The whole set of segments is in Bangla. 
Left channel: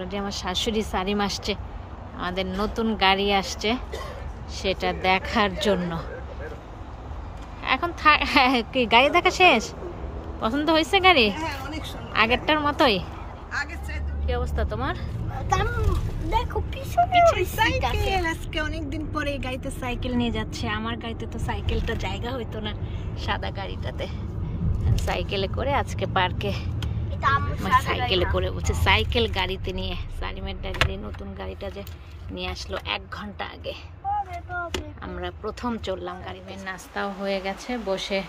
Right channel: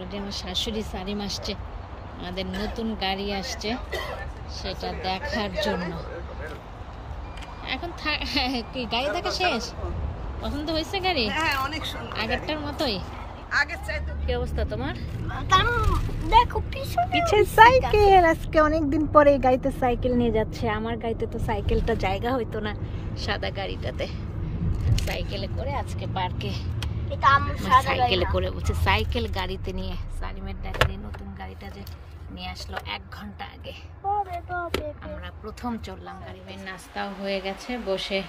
আমার শাশুড়ি সারিম আসছে, আমাদের নতুন গাড়ি আসছে সেটা দেখার জন্য। এখন কি গাড়ি দেখা শেষ? পছন্দ হয়েছে গাড়ি? অনেক সুন্দর, আগেরটার মতোই। আগের চাইতে কি অবস্থা তোমার? দেখো পিছনে সাইকেল, আজকে অনেকদিন পরে এই গাড়িতে সাইকেল নিয়ে যাচ্ছে। আমার গাড়িতে তো সাইকেলটা জায়গা হইতো না, সাদা গাড়িটাতে। সাইকেলে করে আজকে পার্কে সাইকেলে করে বলছে, সাইকেল গাড়িতে নিয়ে সালিমের ড্যাডি নতুন গাড়িটা যে নিয়ে আসলো 1 ঘন্টা আগে। আমরা প্রথম চললাম গাড়ি। মেয়ের নাস্তাও হয়ে গেছে, বসে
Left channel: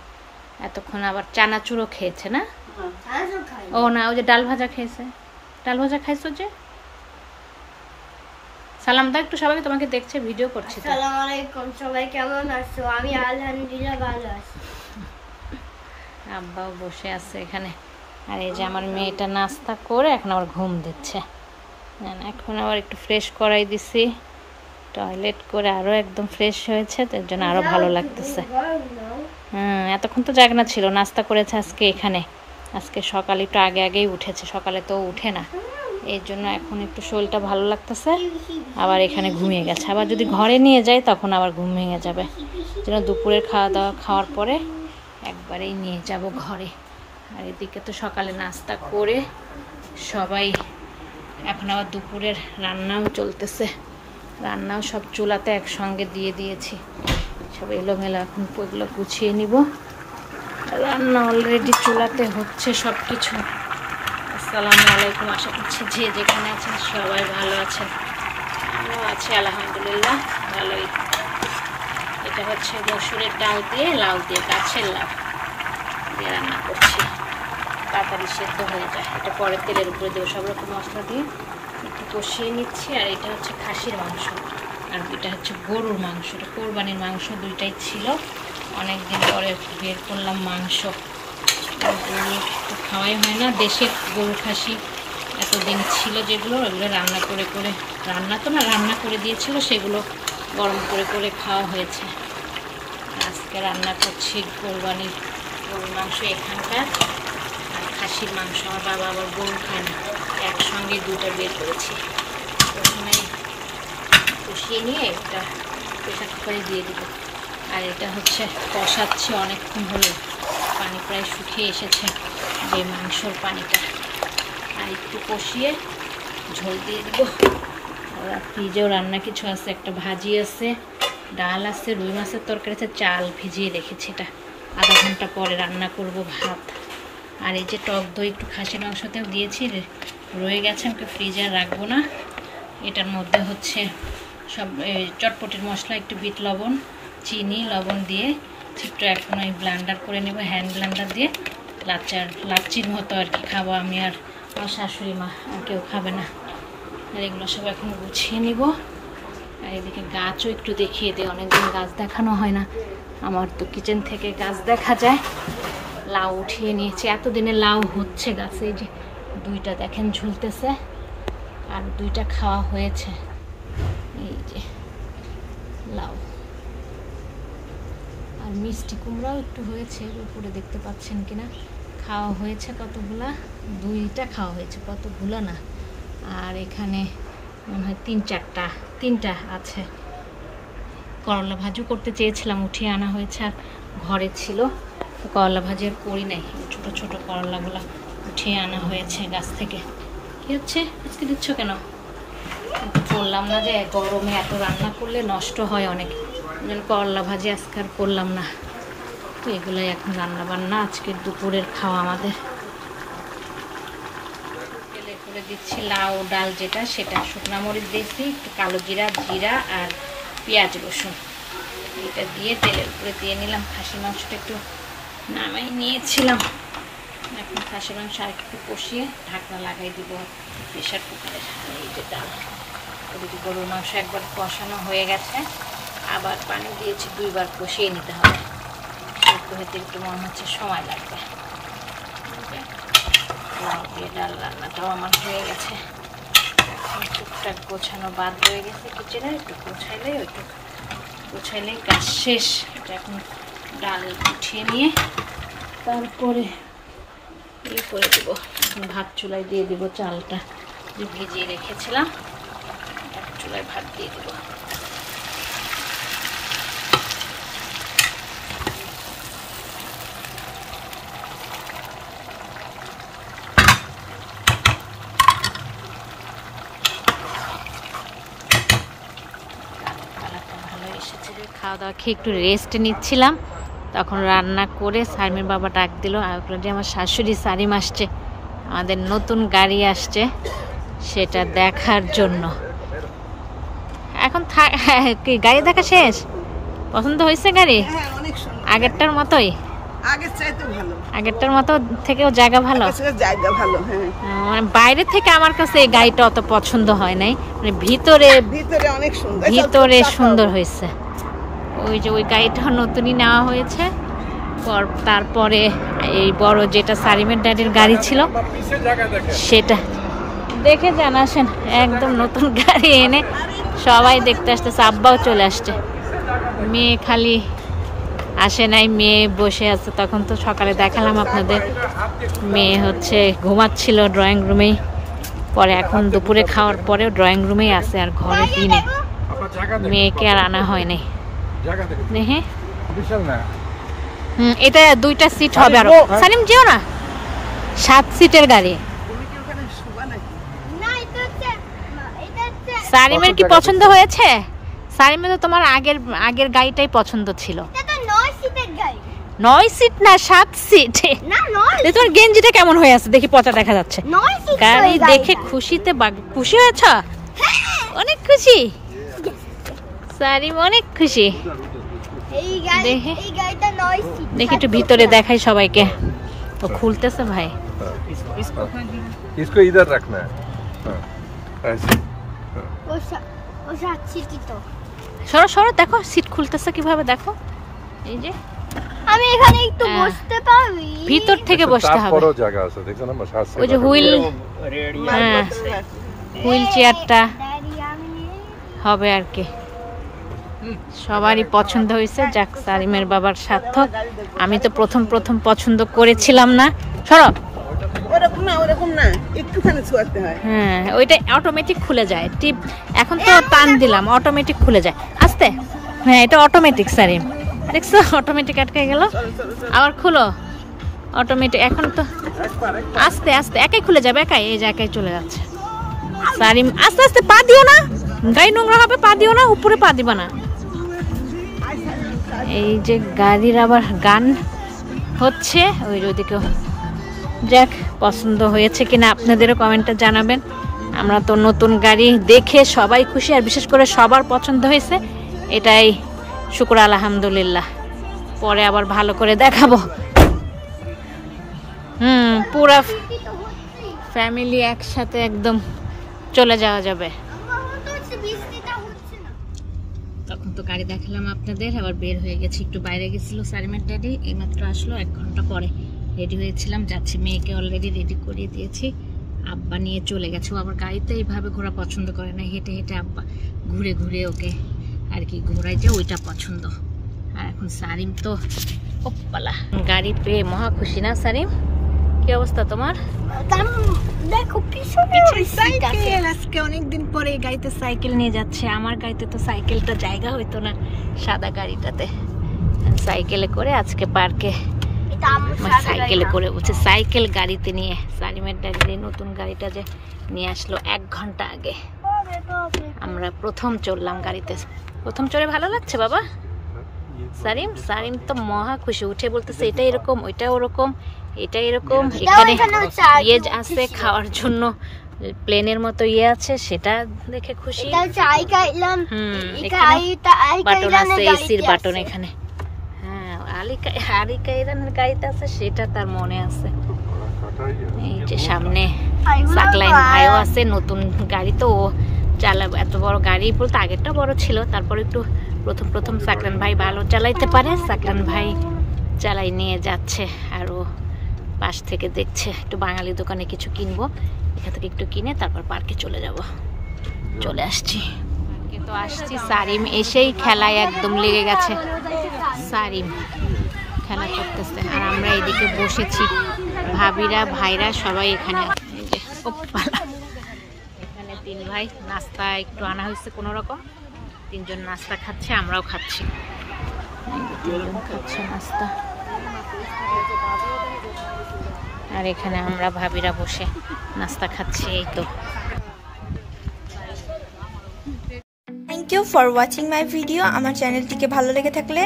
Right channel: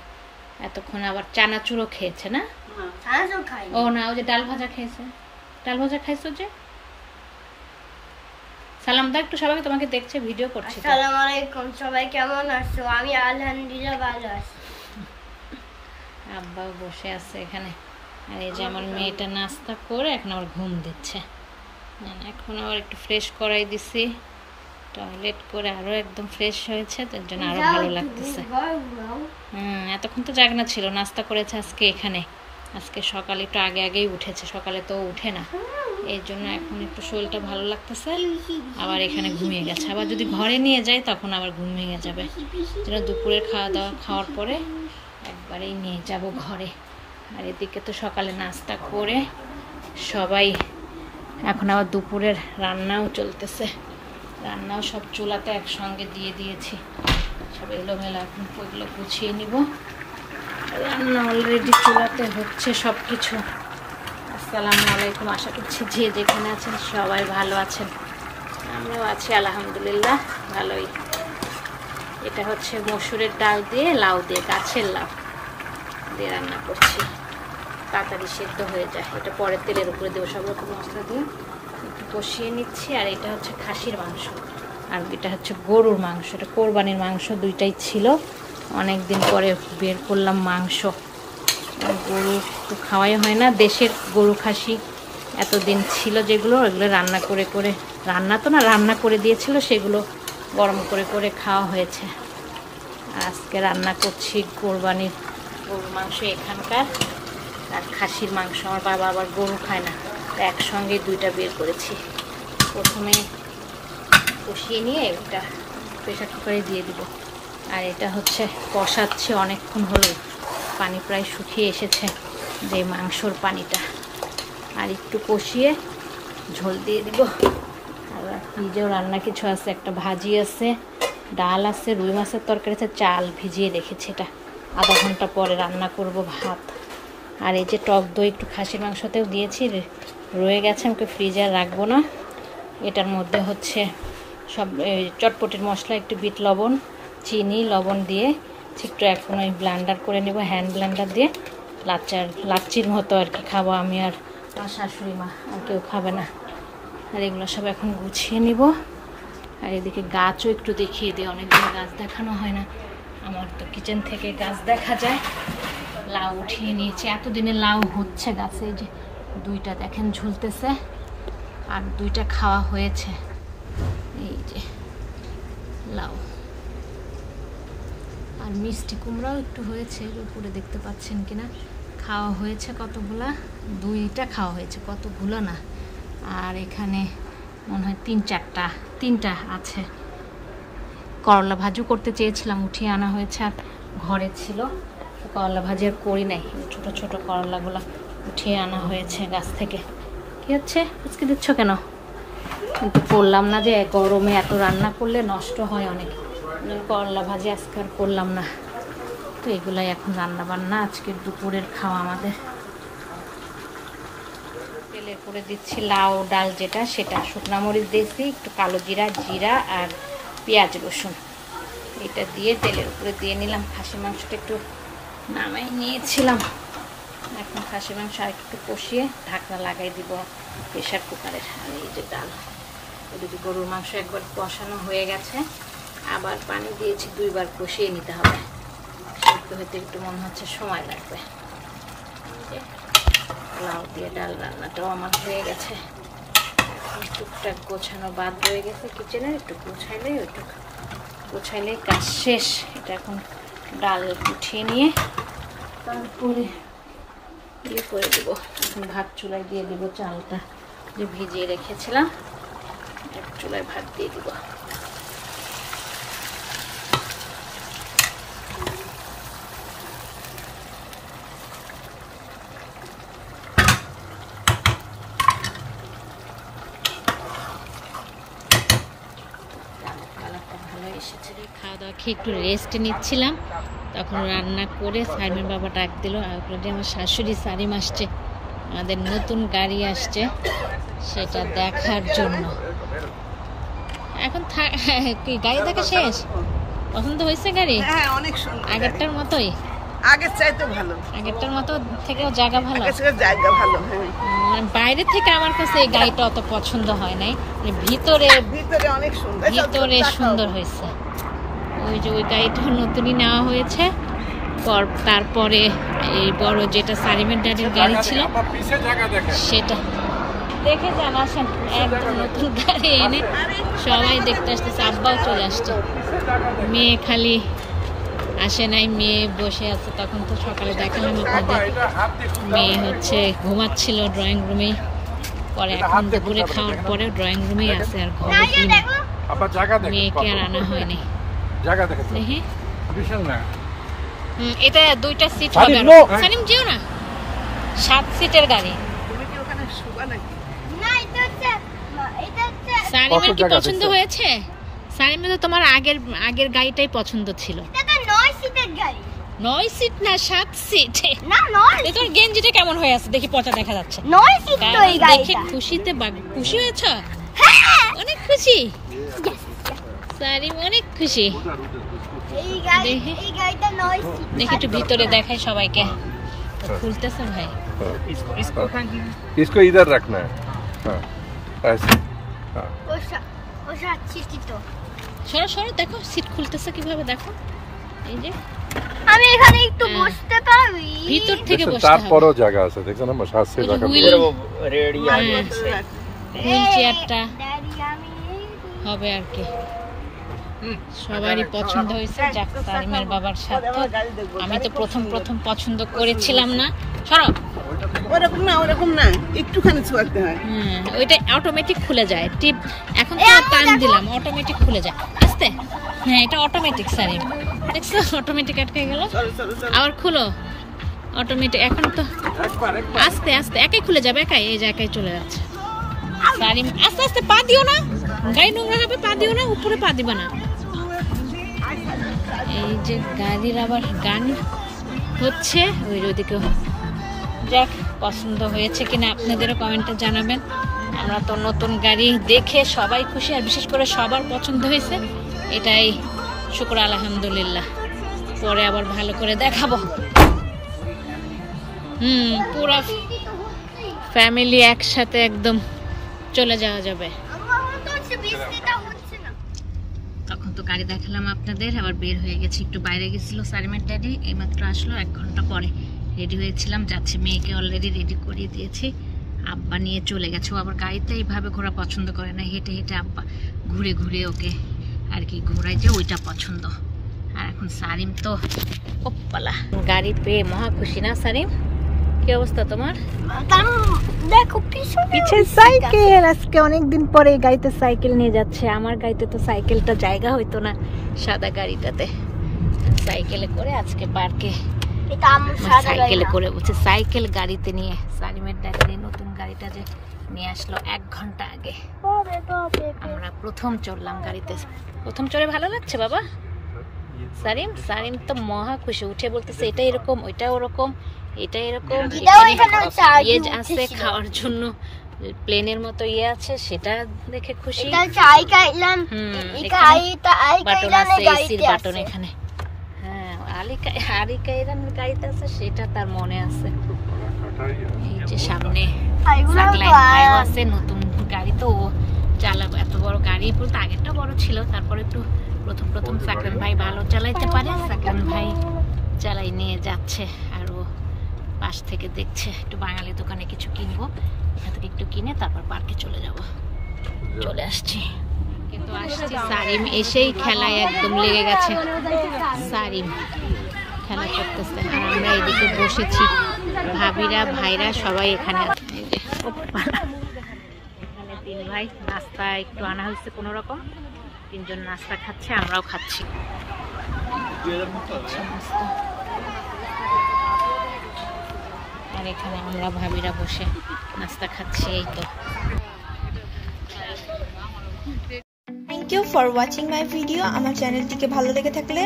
এতক্ষণ আবার চানাচুরও খেয়েছে না? ও না, ওই যে ডাল ভাজা খেয়েছে। ডাল ভাজা খাইছো যে? সালাম দাও একটু সবাইকে, তোমাকে দেখছে, ভিডিও করছি। আসসালামু আলাইকুম, সবাই কেমন আছো? আমি আলহামদুলিল্লাহ ভালো আছি। আব্বাও বসে আছে এখানে। আর এই যে আমার মেয়েটা নাস্তা করে এখন আবার ঘুম দিচ্ছে। এখন আবার একটু ফ্রেশ করাই দিছি, টয়লেট করে আরো একদম ফ্রেশ হয়েছে, তার জন্য আরো ভালো লাগতেছে। হ্যাঁ, এতক্ষণ তো জাগনা ছিল, নাস্তা করেছে আজকে এখানে। আজকে সকালে একটু আগে আগেই উঠেছে, সকালে তো উঠে না, এই জন্য এখন একটু শরীরটা ভালো লাগতেছে। আবার এখানে ঘুমিয়ে গেছে। আবার যদি ঘরে নিয়ে যাই তখন আবার ঘুম ভেঙে যাবে। যেন দুপুরের খাওয়া দাওয়া খাওয়ার পরে একবারেই নিয়ে যাব ঘরে। আর এদিকে তো সকালে নাস্তা করে সবাই, এখন আবার দুপুরের রান্নাও চলতেছে। রান্নাও সব চুলাতে একসঙ্গে দিয়ে দিয়েছি, সব এলোমেলো। এখন ওগুলো গুছিয়ে নিব। রান্না অলরেডি চুলাতে হচ্ছে সব কিছু। আসসালামু আলাইকুম, আশা করছি যে যেখানে আছেন সবাই ভালো আছেন। আমরাও আছি আলহামদুলিল্লাহ ভালোই। এটা হচ্ছে মসুরের ডাল দিয়ে, লাউ দিয়ে, গাছের লাউ দিয়ে রান্না করছি, তাড়াতাড়ি সেদ্ধ হয়ে যায়। এটা পরে তেলের উপরে দেবো, সব রকম মশলা দিয়ে একটু কষিয়ে নিচ্ছি। আর এটা হচ্ছে খাসির মাংস, আর এটা হচ্ছে গরুর মাংস। এটা কোরবানির মাংস, দুইটাই ছিল। অনেকদিন পরে বের করলাম মাংস। গরু তো খাওয়াই হয় না, দেশের গরু খাসি এতদিন ছিল যেগুলো, ওগুলো রান্না করে করে, রান্না করে দিয়েছিল, সেগুলো গরম করে করে খাওয়া হয়েছে। আজকে রান্না করছি কোরবানির গরুর মাংস এখানকার, আর খাসির মাংস। আমার বাবা আবার গরু খায় না, একসঙ্গে দুইটা বের করেছি। প্রথমে কষিয়ে নিয়ে এটা প্রেশার কুকারে দিয়ে দিব। আর এটা হচ্ছে কষাচ্ছি অনেকক্ষণ হলো, পানি প্রায় শুকিয়ে এসেছে, যে মাংসর পানিটা। আর একটু কষিয়ে ঝোল দিয়ে দিব। আর ফ্রিজেও রান্না কিছু আছে, একটা ভাজি আছে, ডাল আছে, রুই মাছের তরকারি আছে, চাল ভিজিয়ে রেখেছি, এটা আধা ঘন্টা পরে রান্না করব ভাত। আর এই যে টক দই একটু খাসির মাংসতেও দিয়েছি, রয়ে গেছে, আমাকে ফ্রিজে রাখবো না। এটার মধ্যে হচ্ছে সব চটপটির মশলা, একটু বিট লবণ, চিনি, লবণ দিয়ে একটু এখন ওই ব্লেন্ডার করে নেব, হ্যান্ড ব্লেন্ডার দিয়ে। লাচ্চির মতো আর কি খাবো আমি আর আমার শাশুড়ি মা, আর কেউ খাবে না। আর এগুলো সব এখন গুছিয়ে নিব। আর এদিকে গাছও একটু দেখিয়ে দিই, অনেকদিন গাছ দেখানো হয় না। আমার তো কিচেন থেকে গাছ দেখা যায়। লাউ উঠিয়ে নিয়েছি, এতদিনে লাউ হচ্ছে গাছে। এই যে 2টা দেখেন ঝুলতেছে, আর 2টা খাওয়া হয়েছে। এই যে লাউ, আর মিষ্টি কুমড়াও একটু হয়েছে, উপরে দেখতে পাচ্ছেন কিনা। খাওয়া হয়েছে কতগুলা, 2টা খাওয়া হয়েছে, কতগুলো না। আর এখানে মনে হয় 3-4টা আছে। করলা ভাজু করতে চেয়েছিলাম, উঠিয়ে আনা হয়েছে, আর ঘরে ছিল তো করলা ভাজি আর করি নাই। ছোট ছোট করলাগুলো উঠিয়ে আনা হয়েছে গাছ থেকে। কি হচ্ছে আজকে দিচ্ছ কেন? কিন্তু করলাম না, যে গরমে এত রান্না করলে নষ্ট হয় অনেক, করলা ভাজি আজকে আর করলাম না। তো এগুলাই এখন রান্না বান্না আজকের দুপুরের খাওয়া আমাদের। তেলে করে দিচ্ছি লাউ ডাল, যেটা সেটা শুকনো মরিচ দিয়েছি, একটু কালো জিরা, জিরা আর পেঁয়াজ রসুন, এটা দিয়ে তেলের উপরে দিয়ে নিলাম। খাসির মাংসটা একটু নামাই নিয়েছিলাম, এখন খাসির মাংস আর একটু কষিয়ে ঢাকনা লাগাই দিব প্রেশার কুকারে। আর এই যে ডাল, ওদিকে গরুর মাংস একবার কষানো হয়ে গেছে, আবার পানি দিয়েছি, 2বার কষিয়ে নিতে হবে। একটু হতে একটু মনে হচ্ছে সময় লাগবে। লাউ দিয়ে ডাল রান্নাটাও আমার হয়ে গেছে। এখন টুকটাক গোছানো বাদ রয়ে গেছে কিচেনের, একটু গোছাইলেই কাজ শেষ। এটা এখন ডাল উঠিয়ে নিয়ে তারপরে ইয়ে করে দেবো, এখন ভাত চুলায় দিয়ে দেবো চালটা। যে ভিজিয়ে রেখেছিলাম, চুলায় ভাত দিয়ে দিব। খাওয়া দাওয়া খেয়ে একটু রেস্ট নিচ্ছিলাম, তখন রান্না করে সারিমের বাবা ডাক দিল যে আমার শাশুড়ি সারিম আসছে, আমাদের নতুন গাড়ি আসছে সেটা দেখার জন্য। এখন কি গাড়ি দেখা শেষ? পছন্দ হয়েছে গাড়ি? হ্যাঁ, অনেক সুন্দর। আগেরটার মতোই? আগের চাইতে ভালো। আগেরটার মতো থেকেও জায়গা ভালো? জায়গা ভালো, হ্যাঁ। মানে বাইরে থেকে আমার কাছে এই গাড়িটা অত পছন্দ হয় নাই, মানে ভিতরে অনেক সুন্দর, ভিতরে সুন্দর হয়েছে। ওই যে ওই গাড়িটা নতুনই নেওয়া হয়েছে, তারপরে এই বড় যেটা সারিমের ড্যাডির গাড়ি ছিল সেটা দেখে যান। আসেন, একদম নতুন গাড়ি এনে সবাই দেখতে আসতেছে, আব্বাও চলে আসছে। মেয়ে খালি আসে নাই, মেয়ে বসে আছে। তখন তো সকালে দেখালাম আপনাদের, মেয়ে হচ্ছে ঘুমাচ্ছিল ড্রয়িং রুমেই, পরে এখন দুপুরে খাওয়ার পরেও ড্রয়িং রুমেই আছে, আর ঘরে কি নেই, মেয়েকে আর আনা হয় নাই। দেখে এটা 2টা সিট হবে। আরো সানিম যেও না, 7 সিটের গাড়ি। সারিমের কি পছন্দ হয়েছে? সারিমে তো তোমার আগের গাড়িটাই পছন্দ ছিল। 9 সিট না 7 সিট। তোমার গেঞ্জিটা কেমন হয়ে আছে দেখি, পচা দেখা যাচ্ছে। গাড়ি দেখে খুশিতে খুশি হয়েছ? অনেক খুশি সারিম, অনেক খুশি। দেখি একটু ভিতরে দেখাই সবাইকে। ও খুলতেছে ভাই। इसको इधर रखना है। ऐसे সরো সরো, দেখো সিট খুলতেছে কিভাবে, দেখো। এই যে আমি এখানে একটু বসতে পারি, ভিতর থেকে বসতে হবে। বড় জায়গা আছে, দেখো না, মশাস ওই যে হুইল, হ্যাঁ হুইল চেয়ারটা হবে আর কি। সবারই পছন্দ হয়েছে, যাক সারিমের বাবার সার্থক। আমি তো প্রথম পছন্দ করেছিলাম না। সরো, ওরকম না, একটুখানি ছোঁয়াতে হয়। হ্যাঁ, ওইটা অটোমেটিক খুলে যায়, টিপ এখন তো টান দিলাম অটোমেটিক খুলে যায় আস্তে। হ্যাঁ, এটা অটোমেটিক সারিম, দেখছো অটোমেটিক আটকে গেল, আবার খুলো অটোমেটিক। এখন তো আস্তে আস্তে একাই খুলে যাবে, একাই, এই যে একাই চলে যাচ্ছে। সারিম আস্তে আস্তে, পা দিও না, গাড়ি নোংরা হবে, পা দিও না, উপরে পা দিবা না। এই যে গাড়ির আবার গান হচ্ছে ওই ওইদিকে। যাক, পছন্দ হয়েছে কিনা আপনাদেরও কমেন্টে জানাবেন। আমরা তো নতুন গাড়ি দেখে সবাই খুশি, আর বিশেষ করে সবার পছন্দ হয়েছে, এটাই শুকর আলহামদুলিল্লাহ। পরে আবার ভালো করে দেখাবো। পুরা ফ্যামিলি একসাথে একদম চলে যাওয়া যাবে। তখন তো গাড়ি দেখালাম আপনাদের, আবার বের হয়ে গেছি, একটু বাইরে গেছিল সারিমের ড্যাডি, এইমাত্র আসলো 1 ঘন্টা পরে। রেডি হয়েছিলাম, যাচ্ছি, মেয়েকে অলরেডি রেডি করিয়ে দিয়েছি। আব্বা নিয়ে চলে গেছে, ও আবার গাড়িতে এইভাবে ঘোরা পছন্দ করে না, হেঁটে হেঁটে আব্বা ঘুরে ঘুরে ওকে আর কি ঘোরায়, যে ওইটা পছন্দ। আর এখন সারিম তো ওপালা গাড়ি পেয়ে মহা খুশি না সারিম? কি অবস্থা তোমার? দেখো সাইকেল, আজকে অনেকদিন পরে এই গাড়িতে সাইকেল নিয়ে যাচ্ছে। আমার গাড়িতে তো সাইকেলটা জায়গা হইতো না, সাদা গাড়িটাতে। সাইকেলে করে আজকে পার্কে, সাইকেলে করে বলছে, সাইকেল গাড়িতে নিয়ে। সারিমের ড্যাডি নতুন গাড়িটা যে নিয়ে আসলো 1 ঘন্টা আগে, আমরা প্রথম চললাম গাড়িতে। প্রথম চড়ে ভালো লাগছে বাবা? সারিম তো মহা খুশি, উঠে বলতেছে এটা এরকম, ওইটা ওরকম, এটা এরকম, এখানে ইয়ে আছে খাওয়ার জন্য, প্লেনের মতো ইয়ে আছে, সেটা দেখে খুশি। বাটন আছে, এসির বাটন এখানে। হ্যাঁ, আলিকা ইরানের গাড়িতে আছে, সেটা তার মনে আছে। এই যে সামনে সাকলাইন ভাইও আছে, নতুন গাড়ি তো ও চালাবো। এত বড় গাড়ি, বলতে আগেরটা বড় ছিল, তারপর একটু প্রথম সাকলান ভাই ভালো চালাইতে পারে, সাকলান ভাই চালাই নিয়ে যাচ্ছে। আর ও পাশ থেকে দেখছে। একটু বাঙালি দোকানে কিছু কিনবো, এখান থেকে একটু কিনে তারপর পার্কে চলে যাব। চলে আসছি পার্কে, তো আসছি। সারিম এসেই খেলায় একদম লেগে গেছে, সারিম খেলা করতেছে, আর আমরা এদিকে বসেছি, ভাবিরা ভাইরা সবাই এখানে আছে। এই যে তিন ভাই নাস্তা একটু আনা হয়েছে কোনো রকম, তিনজন নাস্তা খাচ্ছে, আমরাও খাচ্ছি নাস্তা। আর এখানে আমরা ভাবিরা বসে নাস্তা খাচ্ছি। এই তো thank you for watching my video. আমার চ্যানেলটিকে ভালো লেগে থাকলে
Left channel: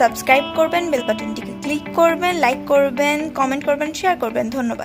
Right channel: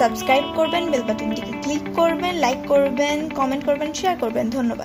সাবস্ক্রাইব করবেন, বেল বাটনটিকে ক্লিক করবেন, লাইক করবেন, কমেন্ট করবেন, শেয়ার করবেন। ধন্যবাদ।